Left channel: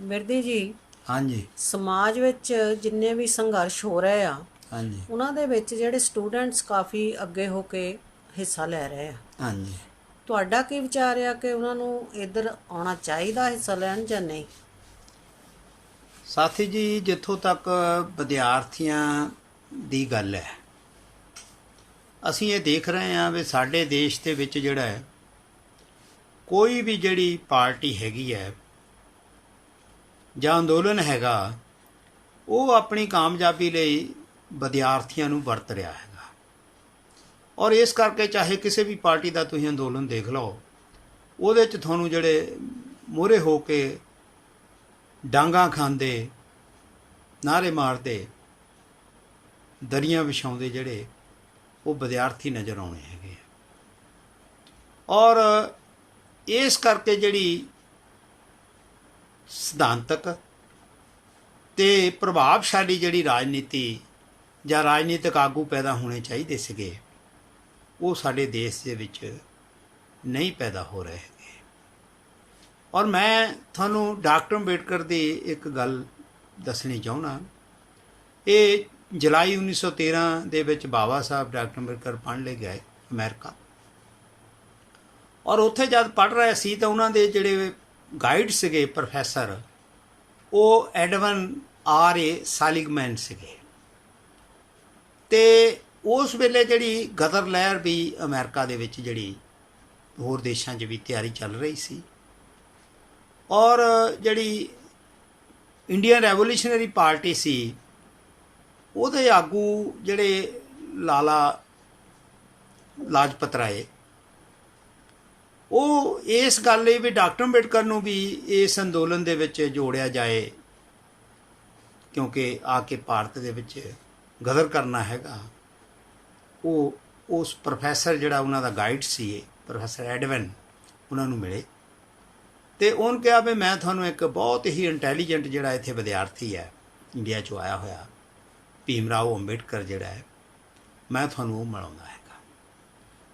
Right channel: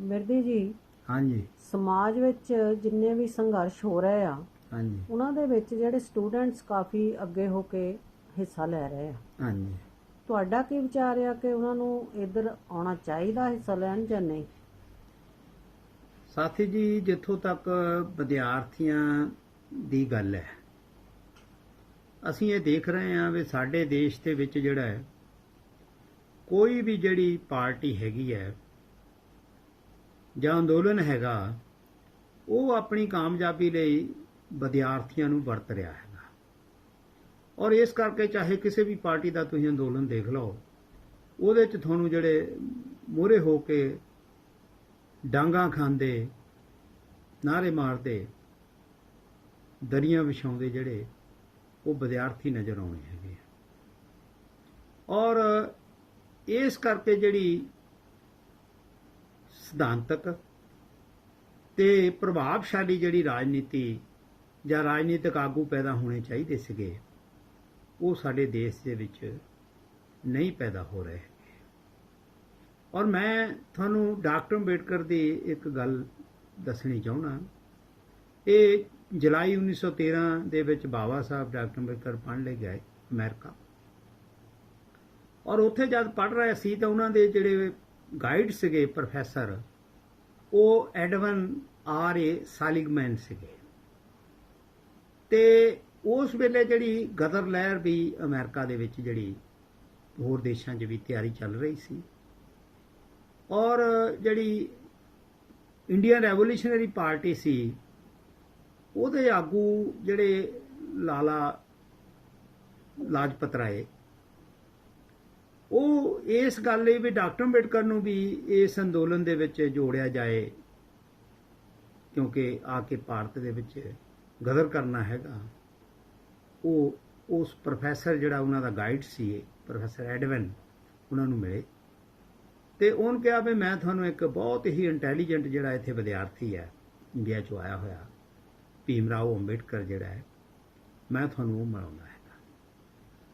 ਮਿਰਦੀ ਜੀ, हाँ जी। ਸਮਾਜ ਵਿੱਚ ਜਿੰਨੇ ਵੀ ਸੰਘਰਸ਼ ਹੋ ਰਹੇ ਆ हाँ जी। ਉਹਨਾਂ ਦੇ ਵਿੱਚ ਜਿਹੜੇ ਸਟੂਡੈਂਟਸ ਕਾਫੀ ਅੱਗੇ ਹੋ ਕੇ ਹਿੱਸਾ ਲੈ ਰਹੇ ਆ। हाँ जी। ਤੁਹਾਡਾ ਕੀ ਵਿਚਾਰ ਆ ਕਿ ਉਹਨਾਂ ਨੂੰ ਇੱਧਰ ਆਉਣਾ ਚਾਹੀਦਾ ਹਿੱਸਾ ਲੈਣ ਜਾਂ ਨਹੀਂ? ਸਾਥੀ ਜੀ, ਜਿੱਥੋਂ ਤੱਕ ਵਿਦਿਆਰਥੀਆਂ ਦੀ ਗੱਲ ਹੈ, ਅਸੀਂ ਇਹ ਦੇਖ ਰਹੇ ਹਾਂ ਵੀ ਸਾਡੇ ਦੇਸ਼ ਦੇ ਵਿੱਚ ਜਿਹੜਾ ਹੈ, ਕੋਈ ਵੀ ਜਿਹੜੀ ਪਾਰਟੀ ਹੈਗੀ ਹੈ ਜਾਂ ਅੰਦੋਲਨ ਹੈਗਾ, ਉਹ ਆਪਣੀ ਕਾਮਯਾਬੀ ਲਈ ਵਿਦਿਆਰਥੀਆਂ ਨੂੰ ਵਰਤ ਰਿਹਾ ਹੈਗਾ। ਔਰ ਇਸ ਕਰਕੇ ਚਾਹੇ ਕਿਸੇ ਵੀ ਪਾਰਟੀ ਦਾ ਤੁਸੀਂ ਅੰਦੋਲਨ ਦੇਖ ਲਓ, ਉਹਦੇ 'ਚ ਤੁਹਾਨੂੰ ਜਿਹੜੇ ਮੂਹਰੇ ਹੋ ਕੇ ਡਾਂਗਾਂ ਖਾਂਦੇ, ਨਾਅਰੇ ਮਾਰਦੇ, ਦਰੀਆਂ ਵਿਛਾਉਂਦੇ ਜਿਹੜੇ ਉਹ ਵਿਦਿਆਰਥੀ ਨਜ਼ਰ ਆਉਣੇ ਹੈਗੇ ਆ। ਔਰ ਇਸ ਕਰਕੇ ਜਿਹੜੀ ਸਿਧਾਂਤਕ ਤੇ ਪ੍ਰਭਾਵਸ਼ਾਲੀ ਜਿਹੜੀ ਰਾਜਨੀਤੀ ਜਾਂ ਰਾਜਨੀਤਿਕ ਆਗੂ ਪੈਦਾ ਹੋਣੇ ਚਾਹੀਦੇ ਸੀਗੇ, ਉਹ ਸਾਡੇ ਦੇਸ਼ ਦੇ ਵਿੱਚ ਨਹੀਂ ਪੈਦਾ ਹੋ ਰਹੇ ਹੈਗੇ। ਔਰ ਮੈਂ ਤੁਹਾਨੂੰ ਡਾਕਟਰ ਅੰਬੇਡਕਰ ਦੀ ਇੱਕ ਗੱਲ ਦੱਸਣੀ ਚਾਹੁੰਦਾ। ਇਹ ਜੁਲਾਈ 1913 ਦੇ ਵਿੱਚ ਬਾਬਾ ਸਾਹਿਬ ਡਾਕਟਰ ਅੰਬੇਡਕਰ ਪੜ੍ਹਨ ਲਈ ਗਏ ਅਮਰੀਕਾ। ਔਰ ਉੱਥੇ ਜਦ ਪੜ੍ਹ ਰਹੇ ਸੀ ਤਾਂ ਉਹਨਾਂ ਦੇ ਜਿਹੜੇ ਗਾਈਡ ਸੀਗੇ ਪ੍ਰੋਫੈਸਰ, ਉਹ ਐਡਵਨ R.A. ਸਾਲਿਗਮੈਨ ਸੀਗੇ। ਅਤੇ ਉਸ ਵੇਲੇ ਜਿਹੜੀ ਗਦਰ ਲਹਿਰ ਵੀ ਅਮਰੀਕਾ ਦੇ ਵਿੱਚ ਜਿਹੜੀ ਹੋਰ ਦੇਸ਼ਾਂ 'ਚ ਵੀ ਤਿਆਰੀ ਚੱਲ ਰਹੀ ਸੀ। ਔਰ ਜਿਹੜੀ ਇੰਡੀਅਨ ਰੈਵੋਲੂਸ਼ਨਰੀ ਪਾਰਟੀ ਸੀ, ਉਹਦੇ ਆਗੂ ਜਿਹੜੇ ਲਾਲਾ ਲਾਜਪਤ ਰਾਏ, ਉਹ ਇਸ ਗੱਲ ਲਈ ਵੀ ਡਾਕਟਰ ਅੰਬੇਡਕਰ ਨੂੰ ਵੀ ਇਸ ਅੰਦੋਲਨ ਦੇ ਵਿੱਚ ਜੋੜਿਆ ਜਾਏ, ਕਿਉਂਕਿ ਆ ਕੇ ਭਾਰਤ ਦੇ ਵਿੱਚ ਗਦਰ ਕਰਨਾ ਹੈਗਾ। ਉਹ ਉਸ ਪ੍ਰੋਫੈਸਰ ਜਿਹੜਾ ਉਹਨਾਂ ਦਾ ਗਾਈਡ ਸੀ, ਪ੍ਰੋਫੈਸਰ ਐਡਵਨ, ਉਹਨਾਂ ਨੂੰ ਮਿਲੇ ਅਤੇ ਉਹਨੇ ਕਿਹਾ ਵੀ ਮੈਂ ਤੁਹਾਨੂੰ ਇੱਕ ਬਹੁਤ ਹੀ ਇੰਟੈਲੀਜੈਂਟ ਜਿਹੜਾ ਇੱਥੇ ਵਿਦਿਆਰਥੀ ਹੈ ਇੰਡੀਆ 'ਚੋਂ ਆਇਆ ਹੋਇਆ, ਭੀਮ ਰਾਓ ਅੰਬੇਡਕਰ ਜਿਹੜਾ ਹੈ, ਮੈਂ ਤੁਹਾਨੂੰ ਉਹ ਮਿਲਾਉਂਦਾ ਹੈਗਾ।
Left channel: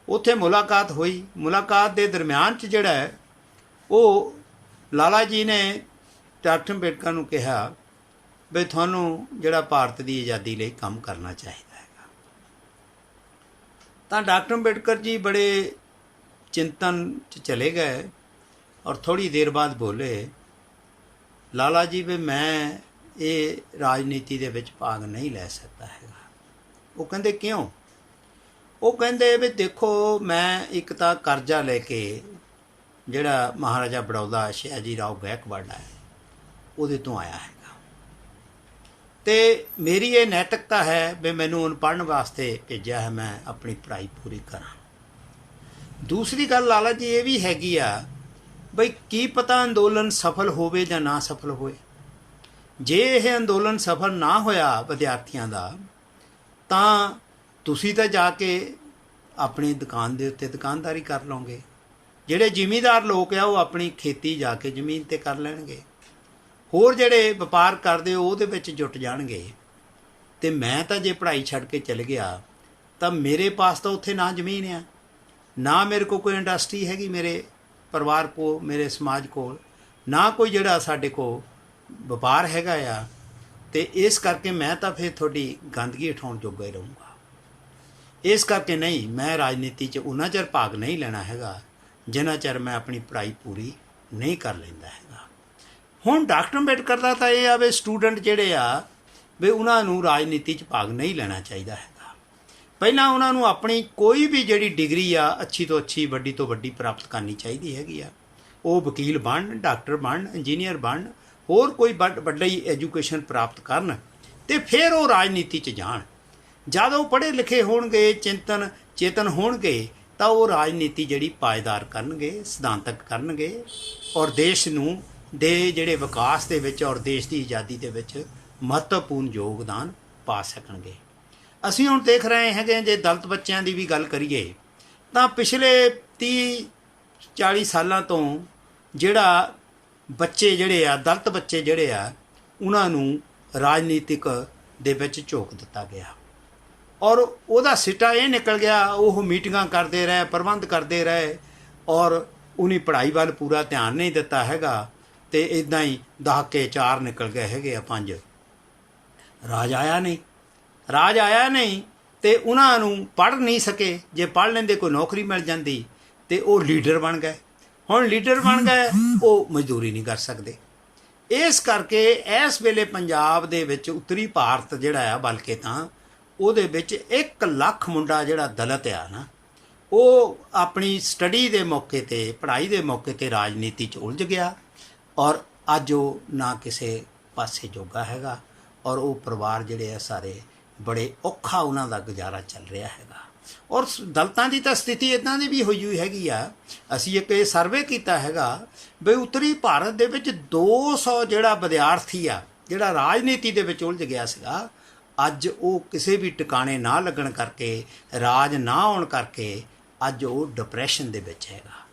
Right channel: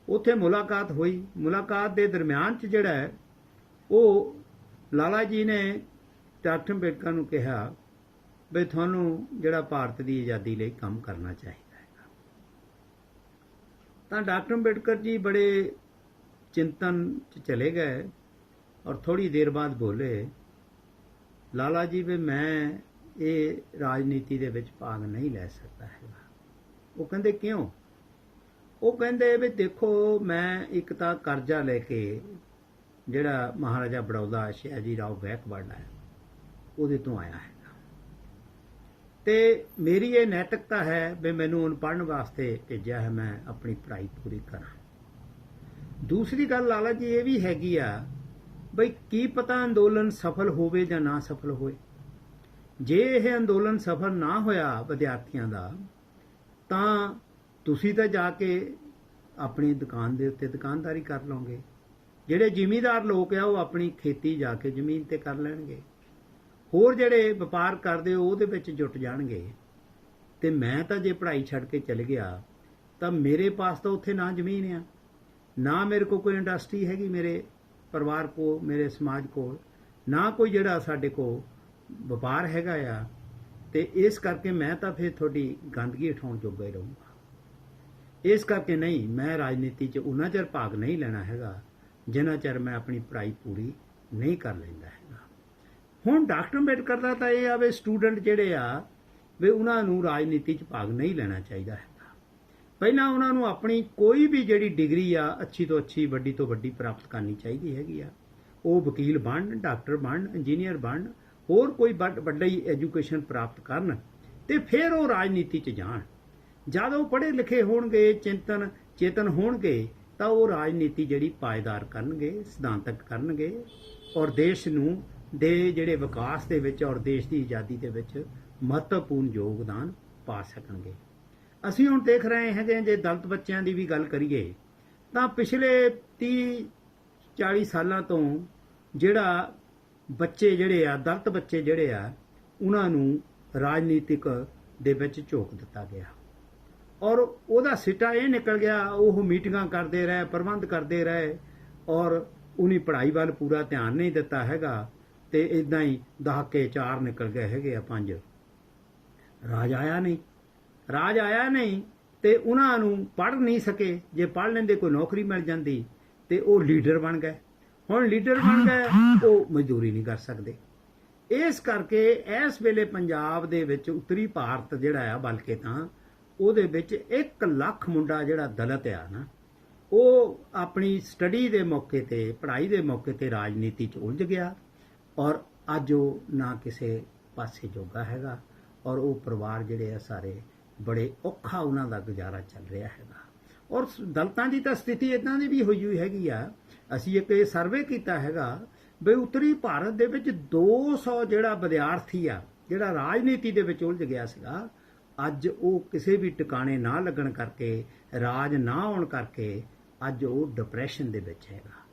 ਉੱਥੇ ਮੁਲਾਕਾਤ ਹੋਈ। ਮੁਲਾਕਾਤ ਦੇ ਦਰਮਿਆਨ 'ਚ ਜਿਹੜਾ ਹੈ, ਉਹ ਲਾਲਾ ਜੀ ਨੇ ਡਾਕਟਰ ਅੰਬੇਡਕਰ ਨੂੰ ਕਿਹਾ ਵੀ ਤੁਹਾਨੂੰ ਜਿਹੜਾ ਭਾਰਤ ਦੀ ਆਜ਼ਾਦੀ ਲਈ ਕੰਮ ਕਰਨਾ ਚਾਹੀਦਾ ਹੈਗਾ। ਤਾਂ ਡਾਕਟਰ ਅੰਬੇਡਕਰ ਜੀ ਬੜੇ ਚਿੰਤਨ 'ਚ ਚਲੇ ਗਏ ਔਰ ਥੋੜ੍ਹੀ ਦੇਰ ਬਾਅਦ ਬੋਲੇ, ਲਾਲਾ ਜੀ ਵੀ ਮੈਂ ਇਹ ਰਾਜਨੀਤੀ ਦੇ ਵਿੱਚ ਭਾਗ ਨਹੀਂ ਲੈ ਸਕਦਾ ਹੈਗਾ। ਉਹ ਕਹਿੰਦੇ ਕਿਉਂ? ਉਹ ਕਹਿੰਦੇ ਵੀ ਦੇਖੋ, ਮੈਂ ਇੱਕ ਤਾਂ ਕਰਜ਼ਾ ਲੈ ਕੇ ਜਿਹੜਾ ਮਹਾਰਾਜਾ ਬੜੌਦਾ ਸ਼ਿਆਜੀ ਰਾਓ ਗਾਇਕਵਾੜ ਹੈ, ਉਹਦੇ ਤੋਂ ਆਇਆ ਹੈਗਾ, ਅਤੇ ਮੇਰੀ ਇਹ ਨੈਤਿਕਤਾ ਹੈ ਵੀ ਮੈਨੂੰ ਉਹਨੂੰ ਪੜ੍ਹਨ ਵਾਸਤੇ ਭੇਜਿਆ ਹੈ, ਮੈਂ ਆਪਣੀ ਪੜ੍ਹਾਈ ਪੂਰੀ ਕਰਾਂ। ਦੂਸਰੀ ਗੱਲ ਲਾਲਾ ਜੀ ਇਹ ਵੀ ਹੈਗੀ ਆ ਬਈ ਕੀ ਪਤਾ ਅੰਦੋਲਨ ਸਫਲ ਹੋਵੇ ਜਾਂ ਨਾ ਸਫਲ ਹੋਏ। ਜੇ ਇਹ ਅੰਦੋਲਨ ਸਫਲ ਨਾ ਹੋਇਆ ਵਿਦਿਆਰਥੀਆਂ ਦਾ, ਤਾਂ ਤੁਸੀਂ ਤਾਂ ਜਾ ਕੇ ਆਪਣੀ ਦੁਕਾਨ ਦੇ ਉੱਤੇ ਦੁਕਾਨਦਾਰੀ ਕਰ ਲਓਗੇ। ਜਿਹੜੇ ਜ਼ਿਮੀਂਦਾਰ ਲੋਕ ਆ, ਉਹ ਆਪਣੀ ਖੇਤੀ ਜਾ ਕੇ ਜ਼ਮੀਨ 'ਤੇ ਕਰ ਲੈਣਗੇ। ਹੋਰ ਜਿਹੜੇ ਵਪਾਰ ਕਰਦੇ ਉਹਦੇ ਵਿੱਚ ਜੁਟ ਜਾਣਗੇ। ਅਤੇ ਮੈਂ ਤਾਂ ਜੇ ਪੜ੍ਹਾਈ ਛੱਡ ਕੇ ਚਲ ਗਿਆ ਤਾਂ ਮੇਰੇ ਪਾਸ ਤਾਂ ਉੱਥੇ ਨਾ ਜ਼ਮੀਨ ਆ, ਨਾ ਮੇਰੇ ਕੋਲ ਕੋਈ ਇੰਡਸਟਰੀ ਹੈਗੀ, ਮੇਰੇ ਪਰਿਵਾਰ ਕੋਲ, ਮੇਰੇ ਸਮਾਜ ਕੋਲ, ਨਾ ਕੋਈ ਜਿਹੜਾ ਸਾਡੇ ਕੋਲ ਵਪਾਰ ਹੈਗਾ ਆ। ਅਤੇ ਇਸ ਕਰਕੇ ਮੈਂ ਤਾਂ ਫਿਰ ਤੁਹਾਡੀ ਗੰਦਗੀ ਉਠਾਉਣ ਜੋਗਾ ਹੀ ਰਹੂੰਗਾ। ਇਸ ਕਰਕੇ ਨਹੀਂ, ਮੈਂ ਰਾਜਨੀਤੀ 'ਚ ਉਨਾ ਚਿਰ ਭਾਗ ਨਹੀਂ ਲੈਣਾ ਹੈਗਾ ਜਿੰਨਾ ਚਿਰ ਮੈਂ ਆਪਣੀ ਪੜ੍ਹਾਈ ਪੂਰੀ ਨਹੀਂ ਕਰ ਲੈਂਦਾ ਹੈਗਾ। ਹੁਣ ਡਾਕਟਰ ਅੰਬੇਡਕਰ ਦਾ ਤਾਂ ਇਹ ਆ ਵੀ ਸਟੂਡੈਂਟ ਜਿਹੜੇ ਆ ਵੀ ਉਹਨਾਂ ਨੂੰ ਰਾਜਨੀਤੀ 'ਚ ਭਾਗ ਨਹੀਂ ਲੈਣਾ ਚਾਹੀਦਾ ਹੈਗਾ। ਪਹਿਲਾਂ ਉਹਨਾਂ ਨੂੰ ਆਪਣੀ ਕੋਈ ਵੀ ਜਿਹੜੀ ਡਿਗਰੀ ਆ, ਅੱਛੀ ਤੋਂ ਅੱਛੀ, ਵੱਡੀ ਤੋਂ ਵੱਡੀ ਪ੍ਰਾਪਤ ਕਰਨੀ ਚਾਹੀਦੀ ਹੈਗੀ ਆ। ਉਹ ਵਕੀਲ ਬਣਨ, ਡਾਕਟਰ ਬਣਨ, ਇੰਜੀਨੀਅਰ ਬਣਨ, ਹੋਰ ਕੋਈ ਵੱਡੀ ਐਜੂਕੇਸ਼ਨ ਪ੍ਰਾਪਤ ਕਰਨ, ਅਤੇ ਫਿਰ ਉਹ ਰਾਜਨੀਤੀ 'ਚ ਜਾਣ। ਜਦ ਉਹ ਪੜ੍ਹੇ ਲਿਖੇ ਹੋਣਗੇ, ਚੇਤਨ ਹੋਣਗੇ, ਤਾਂ ਉਹ ਰਾਜਨੀਤੀ ਜਿਹੜੀ ਪਾਏਦਾਰ ਕਰਨਗੇ, ਸਿਧਾਂਤਕ ਕਰਨਗੇ, ਔਰ ਦੇਸ਼ ਨੂੰ ਦੇ ਜਿਹੜੇ ਵਿਕਾਸ ਦੇ ਵਿੱਚ ਔਰ ਦੇਸ਼ ਦੀ ਆਜ਼ਾਦੀ ਦੇ ਵਿੱਚ ਮਹੱਤਵਪੂਰਨ ਯੋਗਦਾਨ ਪਾ ਸਕਣਗੇ। ਅਸੀਂ ਹੁਣ ਦੇਖ ਰਹੇ ਹੈਗੇ, ਜੇ ਦਲਿਤ ਬੱਚਿਆਂ ਦੀ ਵੀ ਗੱਲ ਕਰੀਏ ਤਾਂ ਪਿਛਲੇ 30-40 ਸਾਲਾਂ ਤੋਂ ਜਿਹੜਾ ਬੱਚੇ ਜਿਹੜੇ ਆ, ਦਲਿਤ ਬੱਚੇ ਜਿਹੜੇ ਆ, ਉਹਨਾਂ ਨੂੰ ਰਾਜਨੀਤਿਕ ਦੇ ਵਿੱਚ ਝੋਕ ਦਿੱਤਾ ਗਿਆ। ਔਰ ਉਹਦਾ ਸਿੱਟਾ ਇਹ ਨਿਕਲ ਗਿਆ, ਉਹ ਮੀਟਿੰਗਾਂ ਕਰਦੇ ਰਹੇ, ਪ੍ਰਬੰਧ ਕਰਦੇ ਰਹੇ, ਔਰ ਉਹਨੇ ਪੜ੍ਹਾਈ ਵੱਲ ਪੂਰਾ ਧਿਆਨ ਨਹੀਂ ਦਿੱਤਾ ਹੈਗਾ। ਤੇ ਇਦਾਂ ਹੀ ਦਹਾਕੇ 4 ਨਿਕਲ ਗਏ ਹੈਗੇ ਆ 5। ਰਾਜ ਆਇਆ ਨਹੀਂ ਤੇ ਉਹਨਾਂ ਨੂੰ ਪੜ੍ਹ ਨਹੀਂ ਸਕੇ। ਜੇ ਪੜ੍ਹ ਲੈਂਦੇ ਕੋਈ ਨੌਕਰੀ ਮਿਲ ਜਾਂਦੀ ਤੇ ਉਹ ਲੀਡਰ ਬਣ ਗਏ। ਹੁਣ ਲੀਡਰ ਬਣ ਗਏ, ਉਹ ਮਜ਼ਦੂਰੀ ਨਹੀਂ ਕਰ ਸਕਦੇ। ਇਸ ਕਰਕੇ ਇਸ ਵੇਲੇ ਪੰਜਾਬ ਦੇ ਵਿੱਚ ਉੱਤਰੀ ਭਾਰਤ ਜਿਹੜਾ ਆ, ਬਲਕਿ ਤਾਂ ਉਹਦੇ ਵਿੱਚ 1 ਲੱਖ ਮੁੰਡਾ ਜਿਹੜਾ ਦਲਿਤ ਆ ਨਾ, ਉਹ ਆਪਣੀ ਸਟੱਡੀ ਦੇ ਮੌਕੇ 'ਤੇ, ਪੜ੍ਹਾਈ ਦੇ ਮੌਕੇ 'ਤੇ ਰਾਜਨੀਤੀ 'ਚ ਉਲਝ ਗਿਆ ਔਰ ਅੱਜ ਉਹ ਨਾ ਕਿਸੇ ਪਾਸੇ ਜੋਗਾ ਹੈਗਾ ਔਰ ਉਹ ਪਰਿਵਾਰ ਜਿਹੜੇ ਆ ਸਾਰੇ ਬੜੇ ਔਖਾ ਉਹਨਾਂ ਦਾ ਗੁਜ਼ਾਰਾ ਚੱਲ ਰਿਹਾ ਹੈਗਾ। ਔਰ ਦਲਿਤਾਂ ਦੀ ਤਾਂ ਸਥਿਤੀ ਇੱਦਾਂ ਦੀ ਵੀ ਹੋਈ ਹੈਗੀ ਆ। ਅਸੀਂ ਇੱਕ ਇਹ ਸਰਵੇ ਕੀਤਾ ਹੈਗਾ ਬਈ ਉੱਤਰੀ ਭਾਰਤ ਦੇ ਵਿੱਚ 200 ਜਿਹੜਾ ਵਿਦਿਆਰਥੀ ਆ ਜਿਹੜਾ ਰਾਜਨੀਤੀ ਦੇ ਵਿੱਚ ਉਲਝ ਗਿਆ ਸੀਗਾ, ਅੱਜ ਉਹ ਕਿਸੇ ਵੀ ਟਿਕਾਣੇ ਨਾ ਲੱਗਣ ਕਰਕੇ, ਰਾਜ ਨਾ ਆਉਣ ਕਰਕੇ ਅੱਜ ਉਹ ਡਿਪਰੈਸ਼ਨ ਦੇ ਵਿੱਚ ਹੈਗਾ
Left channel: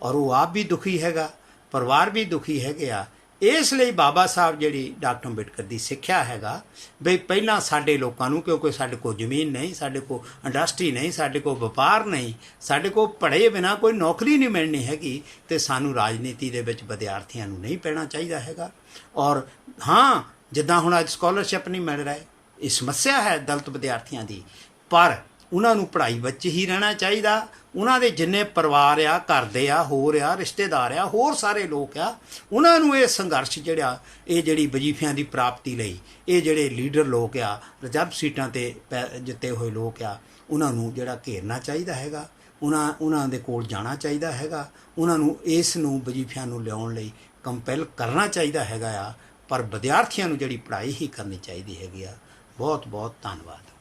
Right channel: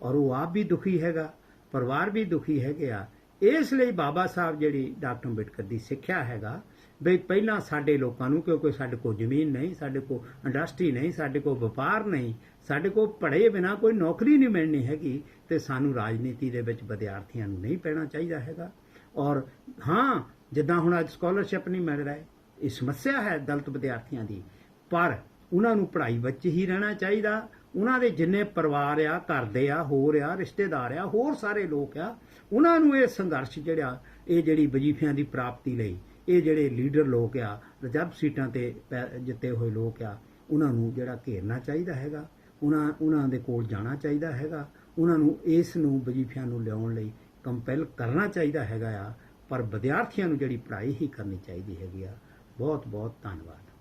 ਔਰ ਉਹ ਆਪ ਵੀ ਦੁਖੀ ਹੈਗਾ, ਪਰਿਵਾਰ ਵੀ ਦੁਖੀ ਹੈਗੇ ਆ। ਇਸ ਲਈ ਬਾਬਾ ਸਾਹਿਬ ਜਿਹੜੀ ਡਾਕਟਰ ਅੰਬੇਡਕਰ ਦੀ ਸਿੱਖਿਆ ਹੈਗਾ ਬਈ ਪਹਿਲਾਂ ਸਾਡੇ ਲੋਕਾਂ ਨੂੰ, ਕਿਉਂਕਿ ਸਾਡੇ ਕੋਲ ਜ਼ਮੀਨ ਨਹੀਂ, ਸਾਡੇ ਕੋਲ ਇੰਡਸਟਰੀ ਨਹੀਂ, ਸਾਡੇ ਕੋਲ ਵਪਾਰ ਨਹੀਂ, ਸਾਡੇ ਕੋਲ ਪੜ੍ਹੇ ਬਿਨਾਂ ਕੋਈ ਨੌਕਰੀ ਨਹੀਂ ਮਿਲਣੀ ਹੈਗੀ, ਤੇ ਸਾਨੂੰ ਰਾਜਨੀਤੀ ਦੇ ਵਿੱਚ ਵਿਦਿਆਰਥੀਆਂ ਨੂੰ ਨਹੀਂ ਪੈਣਾ ਚਾਹੀਦਾ ਹੈਗਾ। ਔਰ ਹਾਂ, ਜਿੱਦਾਂ ਹੁਣ ਅੱਜ ਸਕਾਲਰਸ਼ਿਪ ਨਹੀਂ ਮਿਲ ਰਿਹਾ, ਇਹ ਸਮੱਸਿਆ ਹੈ ਦਲਿਤ ਵਿਦਿਆਰਥੀਆਂ ਦੀ, ਪਰ ਉਹਨਾਂ ਨੂੰ ਪੜ੍ਹਾਈ ਵਿੱਚ ਹੀ ਰਹਿਣਾ ਚਾਹੀਦਾ। ਉਹਨਾਂ ਦੇ ਜਿੰਨੇ ਪਰਿਵਾਰ ਆ, ਘਰ ਦੇ ਆ, ਹੋਰ ਆ, ਰਿਸ਼ਤੇਦਾਰ ਆ, ਹੋਰ ਸਾਰੇ ਲੋਕ ਆ, ਉਹਨਾਂ ਨੂੰ ਇਹ ਸੰਘਰਸ਼ ਜਿਹੜਾ, ਇਹ ਜਿਹੜੀ ਵਜ਼ੀਫਿਆਂ ਦੀ ਪ੍ਰਾਪਤੀ ਲਈ ਇਹ ਜਿਹੜੇ ਲੀਡਰ ਲੋਕ ਆ, ਰਿਜ਼ਰਵ ਸੀਟਾਂ 'ਤੇ ਜਿੱਤੇ ਹੋਏ ਲੋਕ ਆ, ਉਹਨਾਂ ਨੂੰ ਜਿਹੜਾ ਘੇਰਨਾ ਚਾਹੀਦਾ ਹੈਗਾ, ਉਹਨਾਂ ਦੇ ਕੋਲ ਜਾਣਾ ਚਾਹੀਦਾ ਹੈਗਾ, ਉਹਨਾਂ ਨੂੰ ਇਸ ਨੂੰ ਵਜ਼ੀਫਿਆਂ ਨੂੰ ਲਿਆਉਣ ਲਈ ਕੰਪੈਲ ਕਰਨਾ ਚਾਹੀਦਾ ਹੈਗਾ ਆ। ਪਰ ਵਿਦਿਆਰਥੀਆਂ ਨੂੰ ਜਿਹੜੀ ਪੜ੍ਹਾਈ ਹੀ ਕਰਨੀ ਚਾਹੀਦੀ ਹੈਗੀ ਆ। ਬਹੁਤ ਬਹੁਤ ਧੰਨਵਾਦ।